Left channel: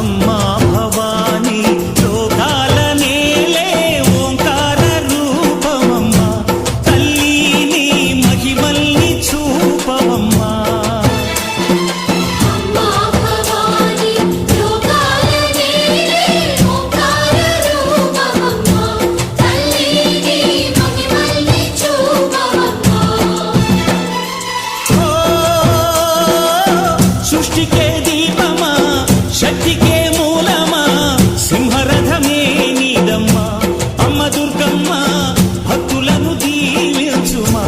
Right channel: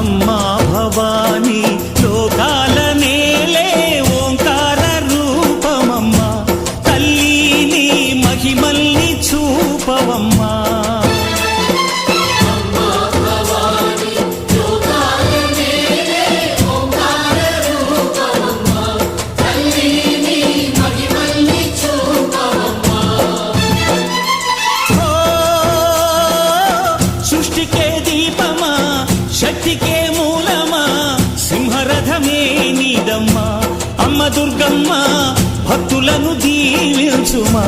అమ్మా భవానీ లోకాల నేలే ఓంకార రూపమమ్మా తల్లి నీ మహిమల్ని చూపవమ్మా సృష్టికే దీపమా శక్తికే మూలమా సింహరథమే నీదమ్మా అమ్మ దుర్గమ్మ భక్తులను దీవించుమా